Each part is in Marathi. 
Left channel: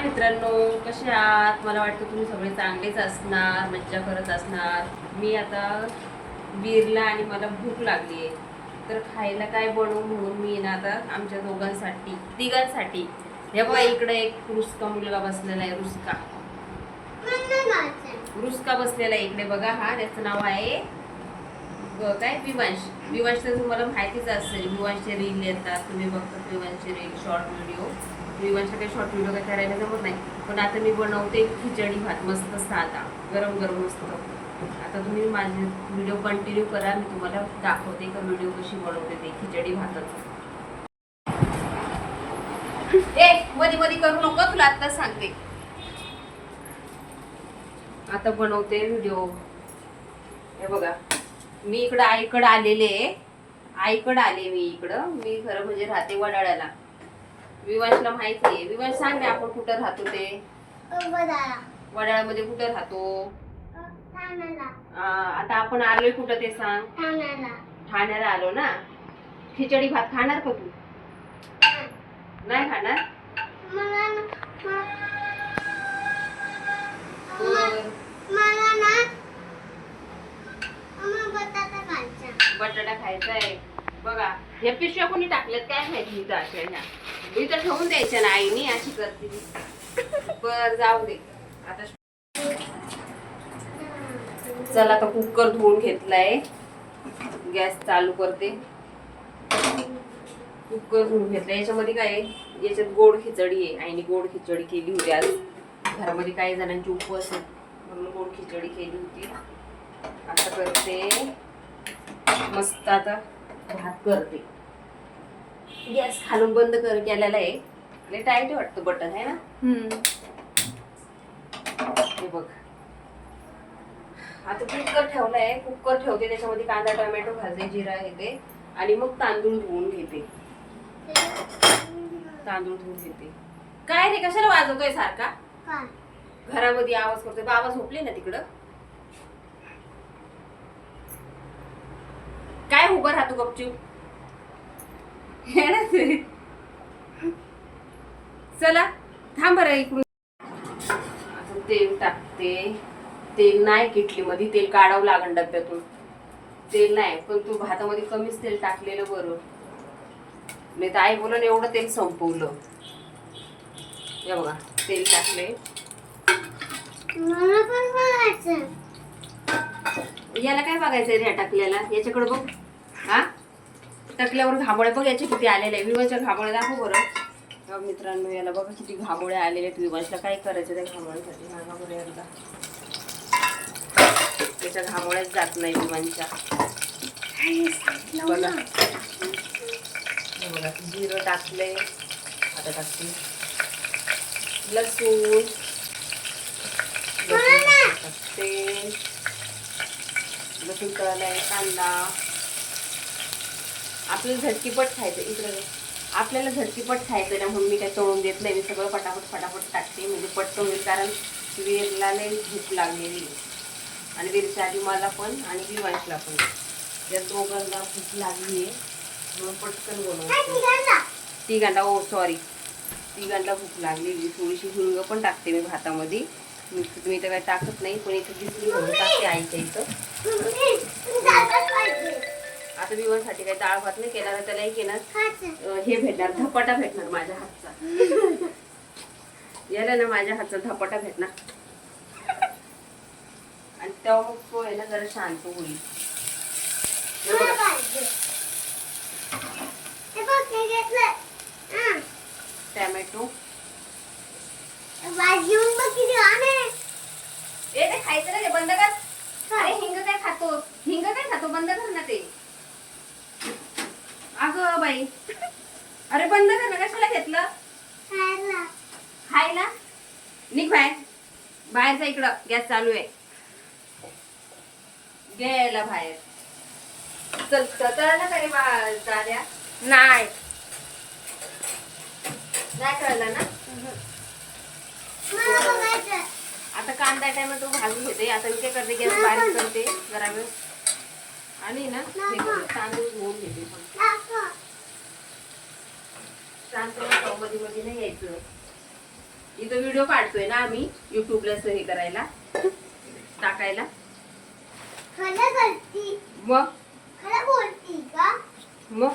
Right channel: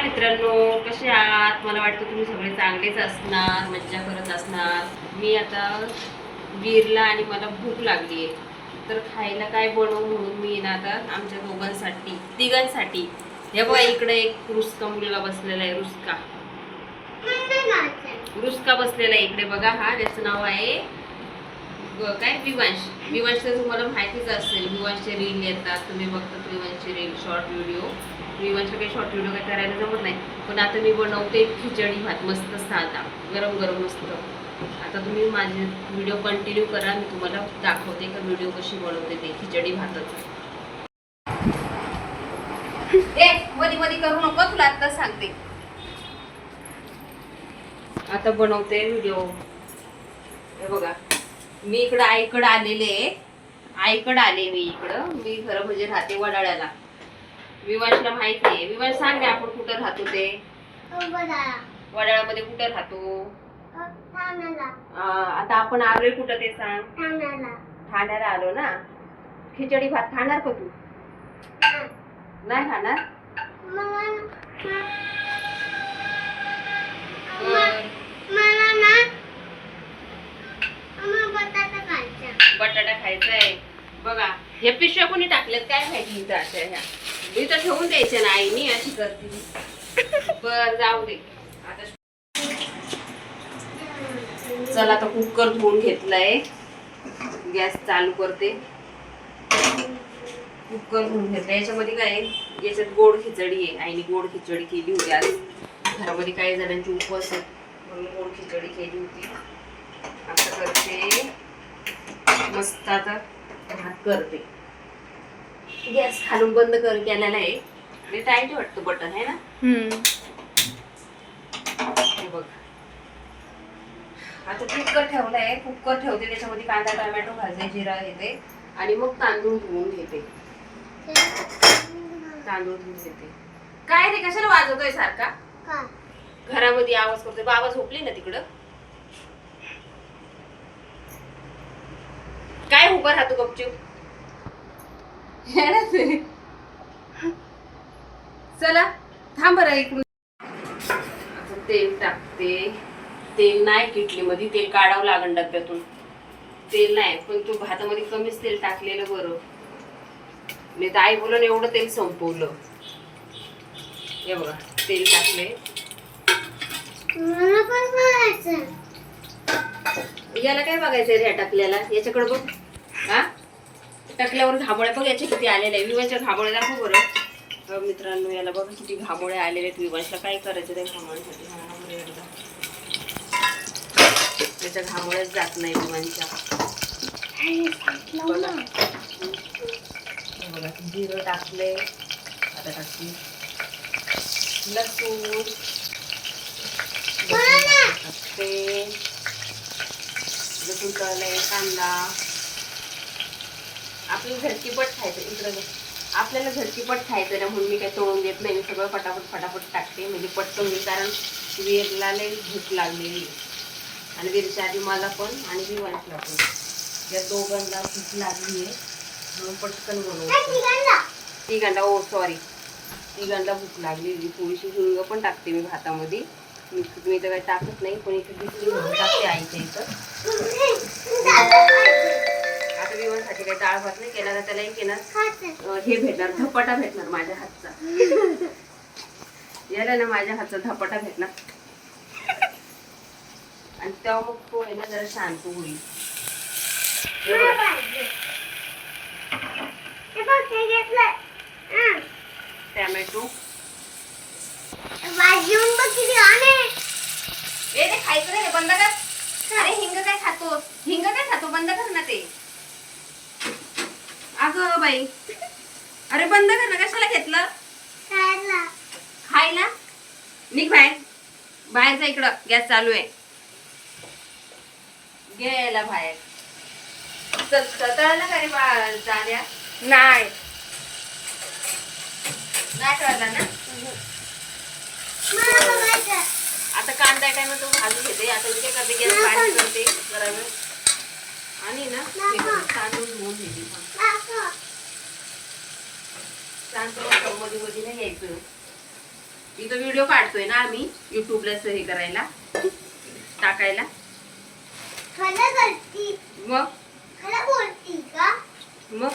हाय मित्रांनो, कसे आहात? मला वाटतं तुम्ही सगळे चांगलेच असणार, मज्जा करत असणार. मी आता वीरला आणि मला भूक लागली आहे, तर खायला काय बनवू म्हणून मी ना आता आमच्या दोघांसाठी तिघांसाठी हे बघा, इकडे एक रुसका मुलगा बसलेला आहे. रुसका बसलेला आहे इकडे बघा. हा त्याचं नाव आहे काय, विवांश. विवांश तर तुम्हाला माहितीच असेल, विवांशचे रील येतात, तुम्ही बघतात विवांशचे रील, शॉर्ट व्हिडिओ. विवांशचे काही शॉर्ट व्हिडिओ काही करायला जमत नाही, पण आता मी बनवते खिचडी भात, मस्त साधा, गरम गरम मस्त. आता तुम्ही माझे व्हिडिओ कंटिन्यू करा, मी तुम्हाला दाखवते का व्हिडिओ कशी बनवते ते खिचडी भाताचं. मध्ये मध्ये करू नको, तुला आता सांगते. आता बनवते व्हिडिओ. हे बघा, मी इकडं आईकडं आलेले आले मी इकडं. मी खरं म्हणजे राहते वडाळ्याला. विवांशला माहिती आहे. विवांश सांग ना, आपण कुठं राहतो ते? वडाळ्यामध्ये कुठे राहतो? आता आपण आलोय कुठं ते सांग? ठाण्याला आलो ना. खिचडी भात खाणार का तू? नाही खाणार? बटाटा खायचा आहे बघा. या पिशव्या कोणी टाकल्यात काय माहिती इथं अशा ह्या. इथं ठेवून द्यायच्या ना, आईनी अशी करते. बर जाऊ दे. आता चला, आता कुकर धुवून घेतलाय, गॅस चालू करते. कुकर धुवून घेतला. याच्यामध्ये काय, याच्यात गोड खिचडी आहे. आईने गोड खिचडी केली होती आज. घरामध्ये काही जणांची उपवास आहे म्हणून गोड खिचडी केली होती. आता करते मस्त. आता भात करते. गॅस खालून बंद केलेला आहे. आणि टाईट वाटतं बटन आहे ना. हे बघ, आता कुकर ठेवलाय. कुकर ठेवते, त्याच्यामध्ये कांदा टोमॅटो भाजते, जिरा घेते आणि मग तांदूळ धुवून घेते. काय रे, कशाला वाजवतोय सारखा? घरामध्ये आवाज करतोय. बाबा झोपले ना तिकडं. काय उभं राहतो गपचूप? चला थांब बरं इकडून. तेल टाकते. तेल नाही किटली मध्ये, तेल काढावं लागेल डब्यातून. तेल नाही, पण तू भातामध्ये कमीच तेल टाकलेलं बरं. मी तर आई बोलून एवढं तेल संपवलं. हे बघा, तेल टाकले. याला काय बघायचंय रे टाकल्याला? याच्याकडे बघ. हा, टाकल्यावर घामोळे बघ याचे किती आलेले आहे. विवांशच्या घामोळे दाखव बरं. मित्रांनो, याला बघा किती घामोळे आलेले आहेत. विवांशला काय करायचं त्या घामोळ्यासाठी? हा बरं, एकदा त्याच्या घामोळ्याच जात नाही विवांशच्या. बघा, जिरं टाकले. आता टाकते लसूण टाकते. लसूण तळलाय. कांदा. आपल्याला झटकीपट खायचं इकडं. आपल्याला झटकीपट खायचं ना, म्हणून मी काही तळून देत नाही. मी सगळं फटाफट टाकते, म्हणजे पटकन होईल. कारण वीरला लई भूक लागलेली आणि वीरच्या आधी मला पण आणि विवांशला पण. या दोघांना भूक लागली आहे म्हणून पटकन बनवते. तिघांना, ओ सॉरी, तिघांना भूक लागलेली. थोडीशी हिंग पण टाकते मी भातामध्ये. मी तर काही टाकत नाही, पण इथं दिसली म्हणून टाकते आईच्या इथं. आता विवांसाठी काही डाळ भात नाही केला, त्याला एक येणार हे भेटणार, धपाटा भेटणार माझ्या हातचा. याला ना माझ्या हातचा धपाटा भेटणार. आणि तेव्हा मग तो आहे ना जरा शांत होईल. टॅमॅटो ते खायचं नाही, बंद कर. अरे हिंग काय खातो? बंद कर ना ते. अगं बाई, अरे बंद कर ना. कशाला घेतलं? खायला. निघ बाहेर जा. इकडं गॅस चालू आहे. गेला बाहेर. तळला का रे दाद्या? नाही कळलं ना. आता कांदा टोमॅटो भाजून घेते. आता इथे करते, गॅस बारीक करते बरोबर. आणि ना तांदूळ धुवून घेते. तांदूळ मध्ये नाही यायचं. इथं व्हिडिओ काढतोय ना आम्ही युट्यूबला हे करायला टाकायला. मग मग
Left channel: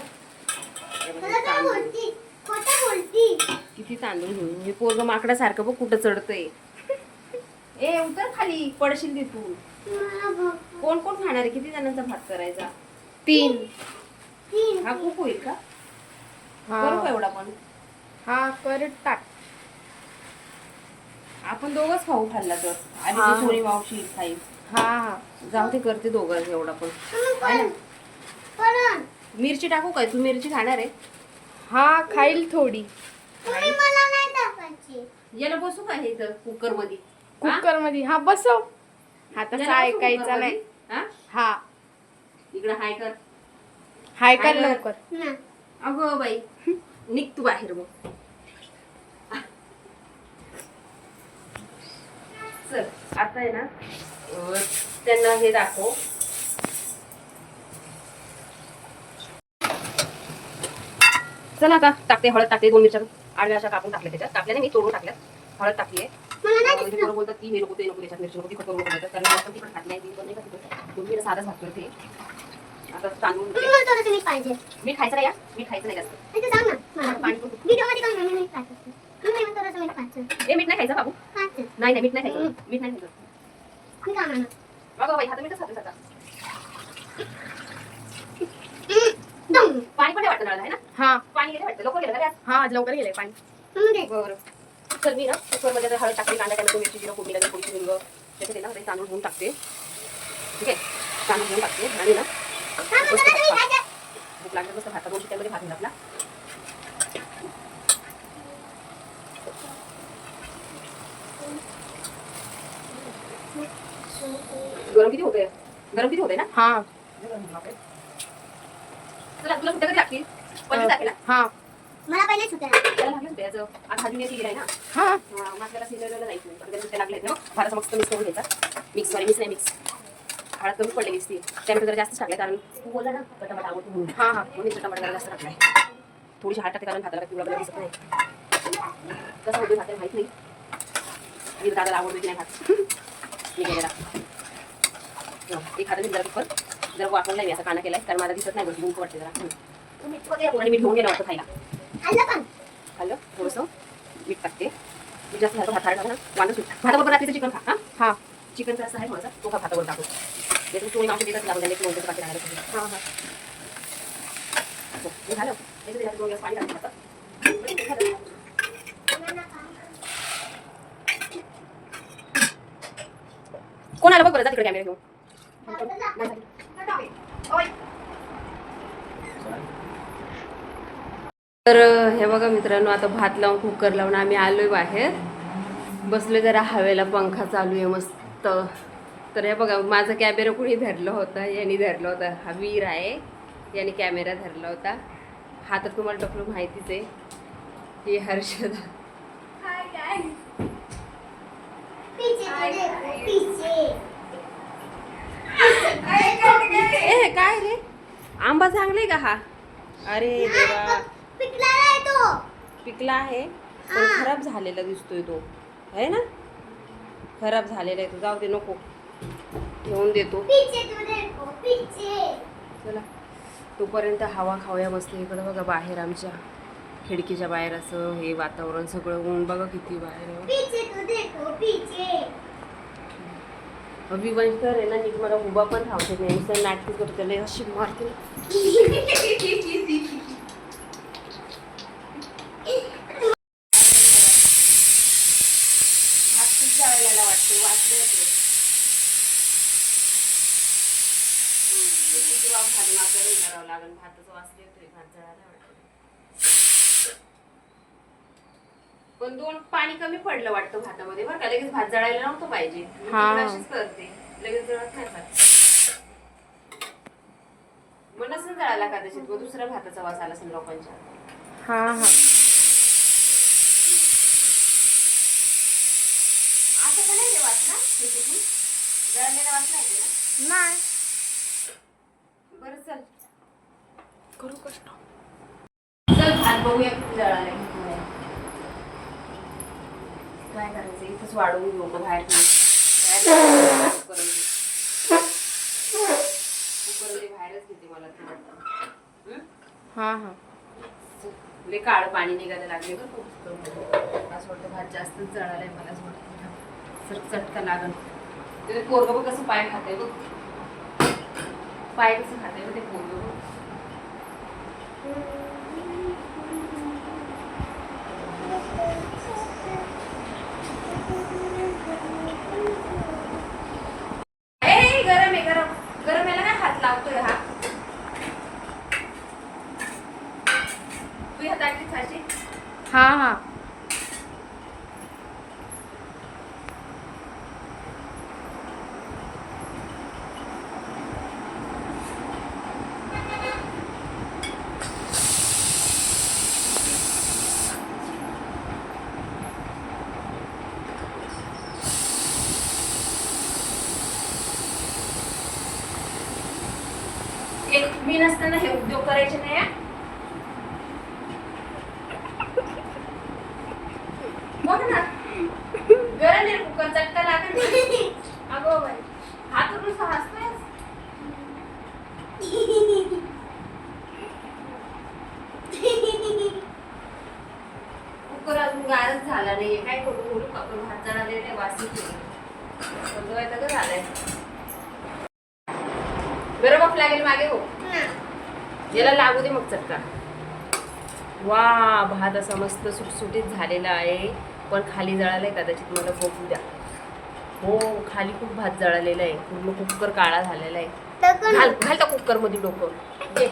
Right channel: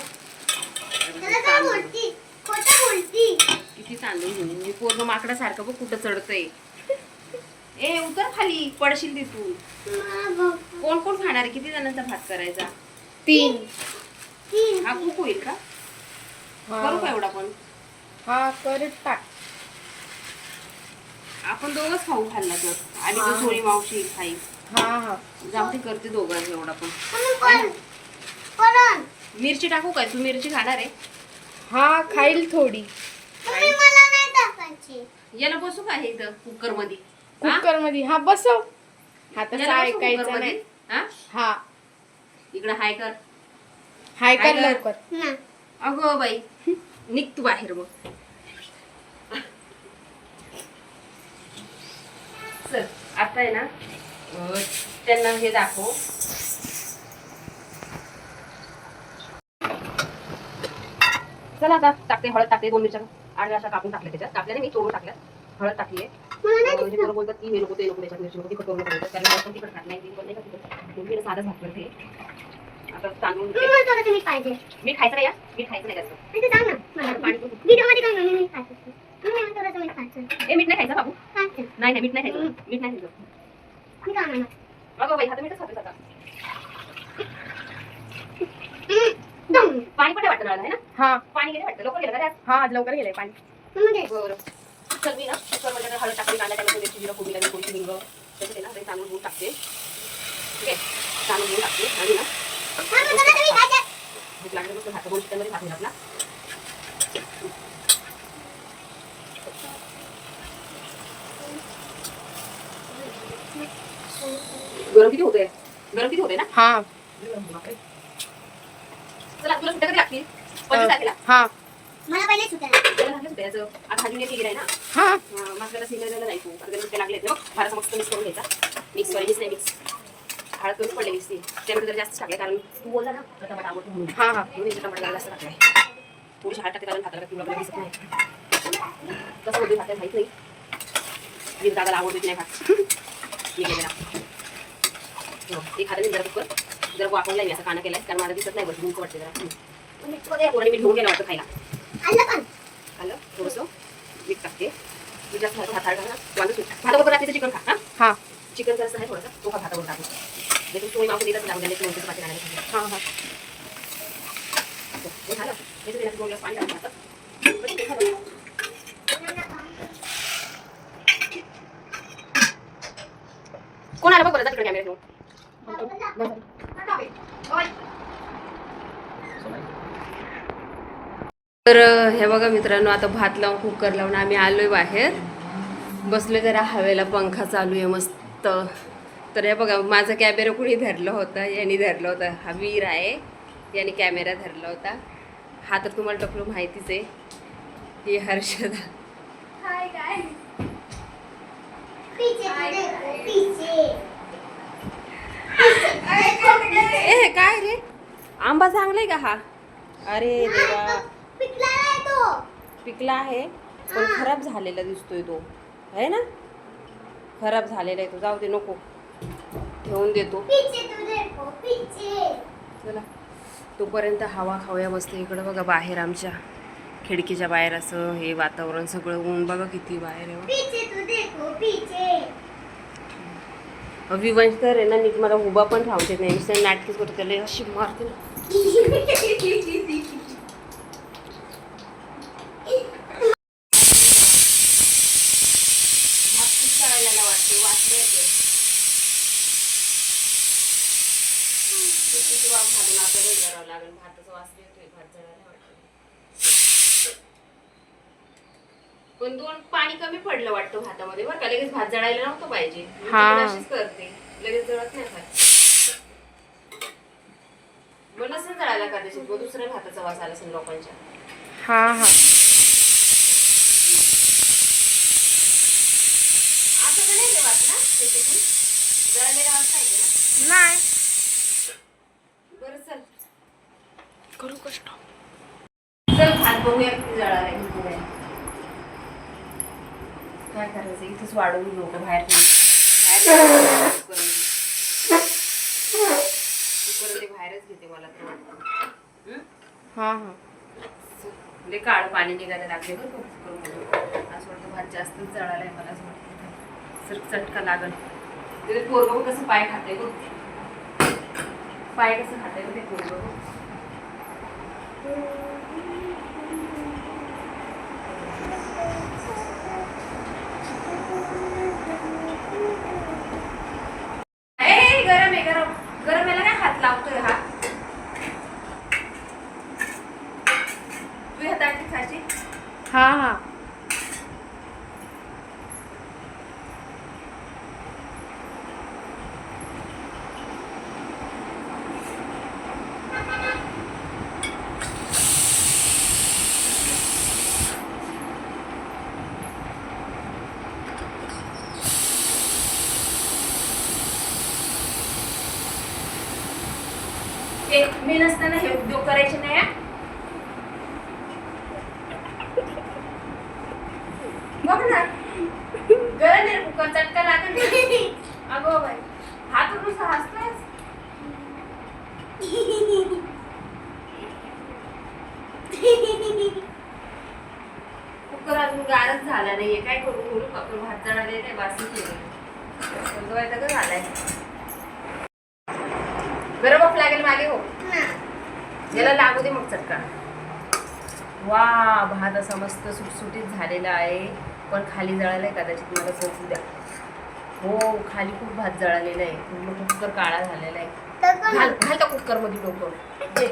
किती तांदूळ घेऊन मी पोरग माकडासारखं बघ कुठं चढतंय. ए उतर खाली पडशील तिथून. कोण कोण खाणार आहे? किती जणांचा भात करायचा? 3. हा खूप होईल का? करू का एवढा पण? हा परत टाक. आपण दोघच खाऊ खाल्ला तर आणि थोडी मावशी खाईल. हा जाऊ ते करते दोघं एवढा पण. मिरची टाकू काय? तू मिरची खाणार आहे? हा खाईल थोडी. याला बसू का हे इथं कुकर मध्ये? कुकर मध्ये हा बसव. हा तसं ऐकायचं नाही. हा इकडं हाय कर. हाय कर लवकर. अगं बाई निघ तू बाहेर मग. चल आता आहे ना त्यांना हे दाखव. चला का टाकते हळद टाकते 2 मिरच्या आणि अशा कापून टाकल्या त्याच्यात. टाकल्या नाही मी तोडून टाकल्या. हळद टाकली आहे. बोलतात की हे नको ते नको त्याच्यात मिरची नको तिखट करून बोलतात कारण जास्त तिखट खात नाही. पण नाही का तिखट मी साधाच भात करते. आता तांदूळ मी खायचं नाही. मी खायचं नाही जास्त. ए मीठ नाही खायचं बाबू. नाही मीठ नाही खायचं. मीठ नाही खायचं. अगं बाई हात मीठच खातो सगळा. पाणी पण वाटतं आहे ना? हा पाणी गेलं वाटतं. लवकर गेलं ना? हा लवकर गेलंय पाणी. बरं चल मी ना कुकरमध्ये हळद टाकते. कांदा टाकते मिरची जिरं फोडणी लागेल थोडीशी हिंग त्याच्यात ना तांदूळ घेऊन टाकते. ठीक आहे तांदूळ घेऊन टाकते आणि ना भूक लागली मस्त भाता 2 शिट्ट्यामध्ये भात होईल आपला. गरम किती होतंय ना? हा चला तुला सुट्ट्या कधी लागतील? 25 तारखेला. हा मला पहिले सुट्ट्या सुट्ट्याचं आज भाजी केली आहे ना. हा आपल्याला सिलेंडरला नाही तू अगदी सुट्ट्या लागले ना घराचा मस्त मिक्स करून घ्यायचा. मिक्स नाही मिक्स हळद कमी पडलेली असते त्यामुळे जरा जास्त टाकले कारण तू बोलला ना टमाटा आवडतो म्हणून. हा म्हणून टमाटा जरा जास्त टाकलाय. थोडीशी हळद टाकते कारण भाताला पिवळा दिसत नाही. कसं होतं भाताला माहित नाही. मी दादाला आवडतो की नाही भात मी केलेला. एक हाताने जरा कुकर जर वापरला मी असा काना केलाय कारण मला दिसत नाही बरं गुंक वाटते जरा. मी घेऊन गेला होता खायला. खाल्लं थोडंसं मीठ टाकते. मी जास्त भात टाकला ना वांदा सुट भाताबरोबर रात्रीचं चिकन खा. हा हा चिकनचा असं आहे थोडासा तो भातावर टाकू. त्याच्यात तुम्ही मावशी देतात लागून द्यायला नंतर पाठी राहायला. हा हा झालं त्याच्यात 2 ग्लास पाणी टाकून भातात. कोण आला बघ बरं तिकडे कॅमेरा घेऊन. तर हे बघा मित्रांनो आता भात लावून कुकर लावून आम्ही आलोय बाहेर बसले जरा हवेला पंखा चालू आहे मस्त. तर हे बघा माझा कॅमेरा कुणी धरला होता यांनी धरला होता. हा वीर आहे यांनी कॅमेरा धरला होता. हा तर तुम्हाला टकलो माहितीच आहे. ही हर्षदा ए काय रे आंबा चांगलाय का हा? अरे देवा पिकला आहे पण खराब झालेला दिसतोय तो आहे ना. खराब झालेला आहे तो. जाऊ दे नको घेऊन देतो. चला तोपर्यंत हवा खाऊया मस्त. इकडं बघा बाहेर आमच्या खिडकीच्या बाहेर असं हे वातावरण सगळं ऊन बघा किती बाहेर आहे. विवंश तर आहे ना नीट मला उभा पण राहते नाही नुसतं नाटकीच करतो त्याला अशी मारते ना. भात खूप जळलेला वाटते वाटले किती वाफ घालून आपल्याला हे करावं लागेल. भाताचा वास येतोय भात जळायला वाटतं. पण 2 पाणी कमी पडलं वाटतं भातामध्ये बरं का. लगेच भात जळायला नव्हतं पाहिजे. अशीच करते लगेच जळत नाही भात. मग नसेल जळायला कदाचित मग दुसऱ्या भाताचा वास आला असेल लोकांच्या. हा हा असं तर नाही ते वास ना त्याच्यातून जळालेला वास नाही ते ना. नाही बरं चल करू कष्ट. चल भात बघूया किती जळालाय. काय करायचं इथंच वाढून घेऊ का बाहेर बाहेर कुकर ते बाहेरच घेते मला तर वाटतं. हा हा लय काळं पाणी निघायला लागले बरं कुकरमध्ये. असं वाटतं भात जास्तच जळालाय मला असं वाटतं. सर चटका लागल. तिथे पोरगं बघ कसं पाय खाते बघ. पाय कसं खाते बघ ते पोरगं. गरम आहे गरम. गरम याला काय हात लागतोय हा. तू हात टाकली खायची. हा हा मी नसताना हे उद्योग करायचे नाही. बघ ना गरम आहे कुकर चटका लागेल ना. अगो बाई हात उठून हसतोय. कुकर अजून गारच झाला नाहीये. काय करू बोलू आपण भात जाणारे नाही वासी केली का झालंय. गरम वाफ लागेल मागे हो. याला लागू दे मग चटका. वा भात असा मस्त सुटसुटीत झालेला आहे. पण खाली जळालाय कदाचित मला बघू द्या. हो खाली खूप भात जळालेला आहे. पूर्ण कुकर काळा झालेला आहे. घाल घाल त्या कुकर मध्ये डोकं. ये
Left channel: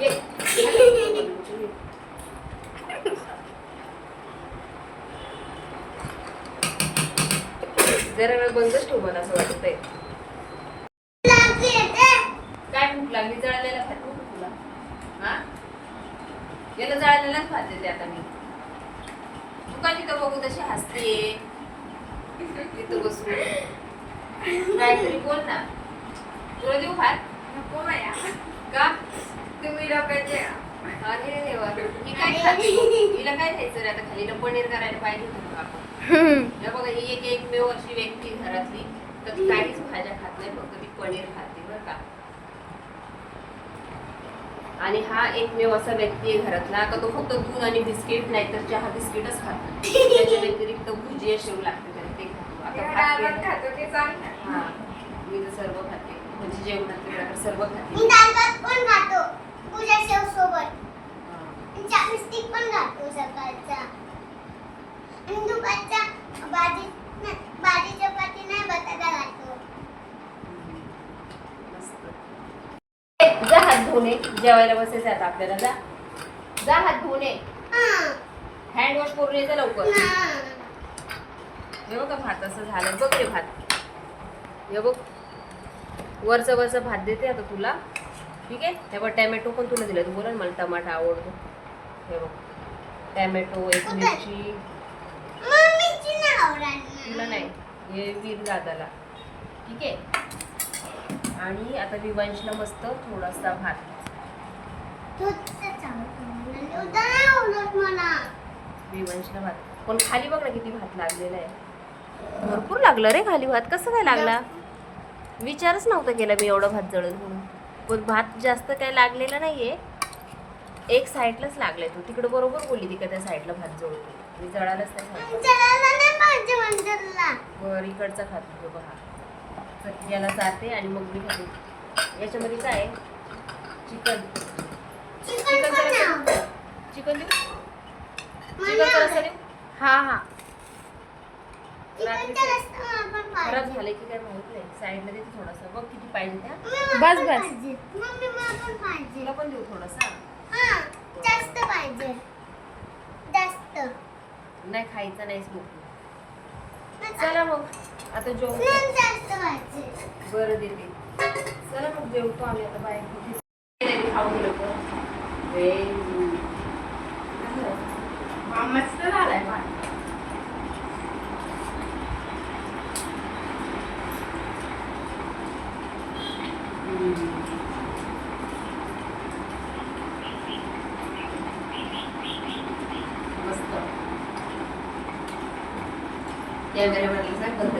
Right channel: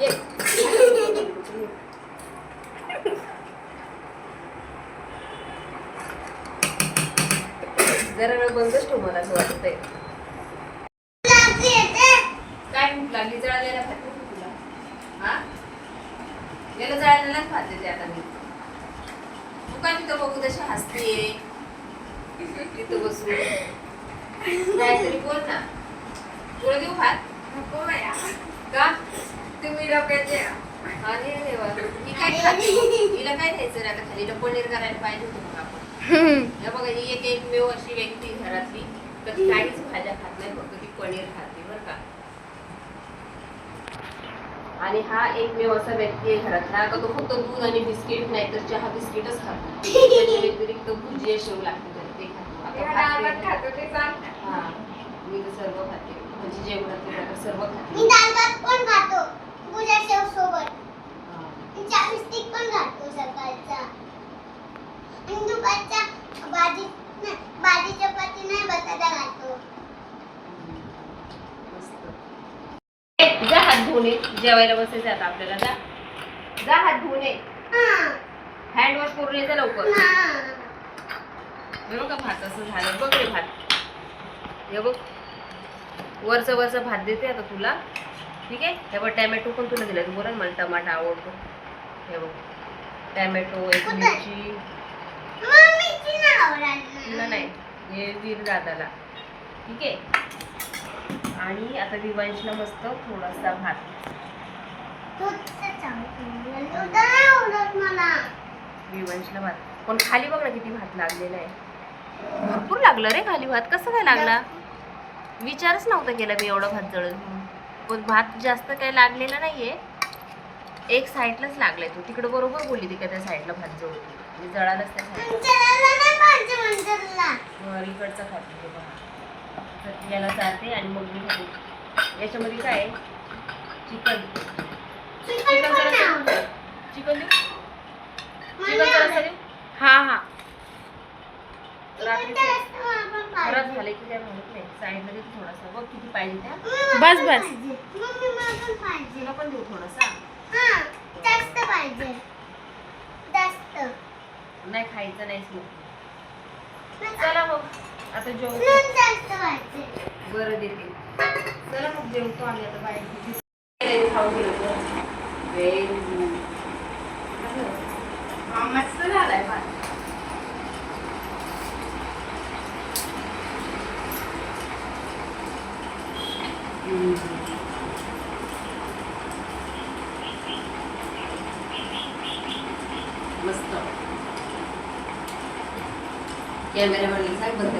ये जरा वेळ बंदच ठेव मला असं वाटतंय. काय भूक लागली. जळालेला भात नको तुला. हा याला जळालेलाच भात देते आता मी. तू का तिथं बघू तशी हसते तिथं बसून. काहीतरी बोल ना. तुला देऊ भात नको माया का तुम्ही लोकांचे. अरे देवा ही काय खाते. हिला काय द्यायचं रे आता खाली. हिला पनीर करायला पाहिजे होतं मग आपण. हे बघा ही एकमेव अशी व्यक्ती घरातली कधी काहीच भाज्या खात नाही. फक्त ती पनीर खाते बरं का. आणि हा एकमेव असा व्यक्ती आहे घरातला का तो फक्त दूध आणि बिस्किट नाही तर चहा बिस्किटच खातो. त्याच्या व्यतिरिक्त भुजिया शेव लागते ते खातो. आता खातो ते चाल. हा मी तर सर्व खाते. म्हणजे जेवणात सर्व खाते. मी दाल भात पण खातो भुजिया शेव सोबत. चहा बिस्किट पण खातो सकाळचा. आणि दुपारचा भाजी चपाती नाही बटाटा खातो. जा हात धुणे. जेवायला बसायचं आता आपल्याला. जा जा हात धुणे. हँड वॉश करून येते लवकर. हे बघा भात असं झालं बघ रे भात. हे बघ वरचं भात देते आता तुला. ठीक आहे. हे बघ टॅमॅटो पण तुला दिलं. तू बोला मला टमाटा आवडतो. हे बघ टॅमॅटो एक मिरची. तुला नाही हे वीर दादाला. ठीक आहे. आणि आता विवांशला मस्त थोडासा भात. विवांशला भात पण खाली बघ ना किती भात लागलेला आहे. भरपूर लागलं रे खाली भात. कसं काय लागला विचारच नव्हता केला मी एवढा भात जळल म्हणून. पण भात जास्त काय लागलेला नाहीये. एक साईडलाच लागलाय. तू तिकडे बरोबर बोलली ती का त्या साईडला भात जळतो. मी जळालाच नाही. इकडचा खाते बघा. याला जाते आणि मग मी खाते. याच्यामध्ये काय आहे चिकन. चिकन देऊ. चिकन देऊ. हा हा खराब झाले की काय माहित नाही. साईडला देते थोडासा. बघ किती पाहिजे त्या. बस बस तुला पण देऊ थोडासा. जास्त पाहिजे. जास्त नाही खायचं नाहीच मग. चला मग आता जेवतो. जास्त पाहिजे. बरं देते. चला मग जेवतो आम्ही आता. बाहेर खाऊ गेलो. मस्त झालाय भात. मस्त कॅमेरामॅनला सांग बंद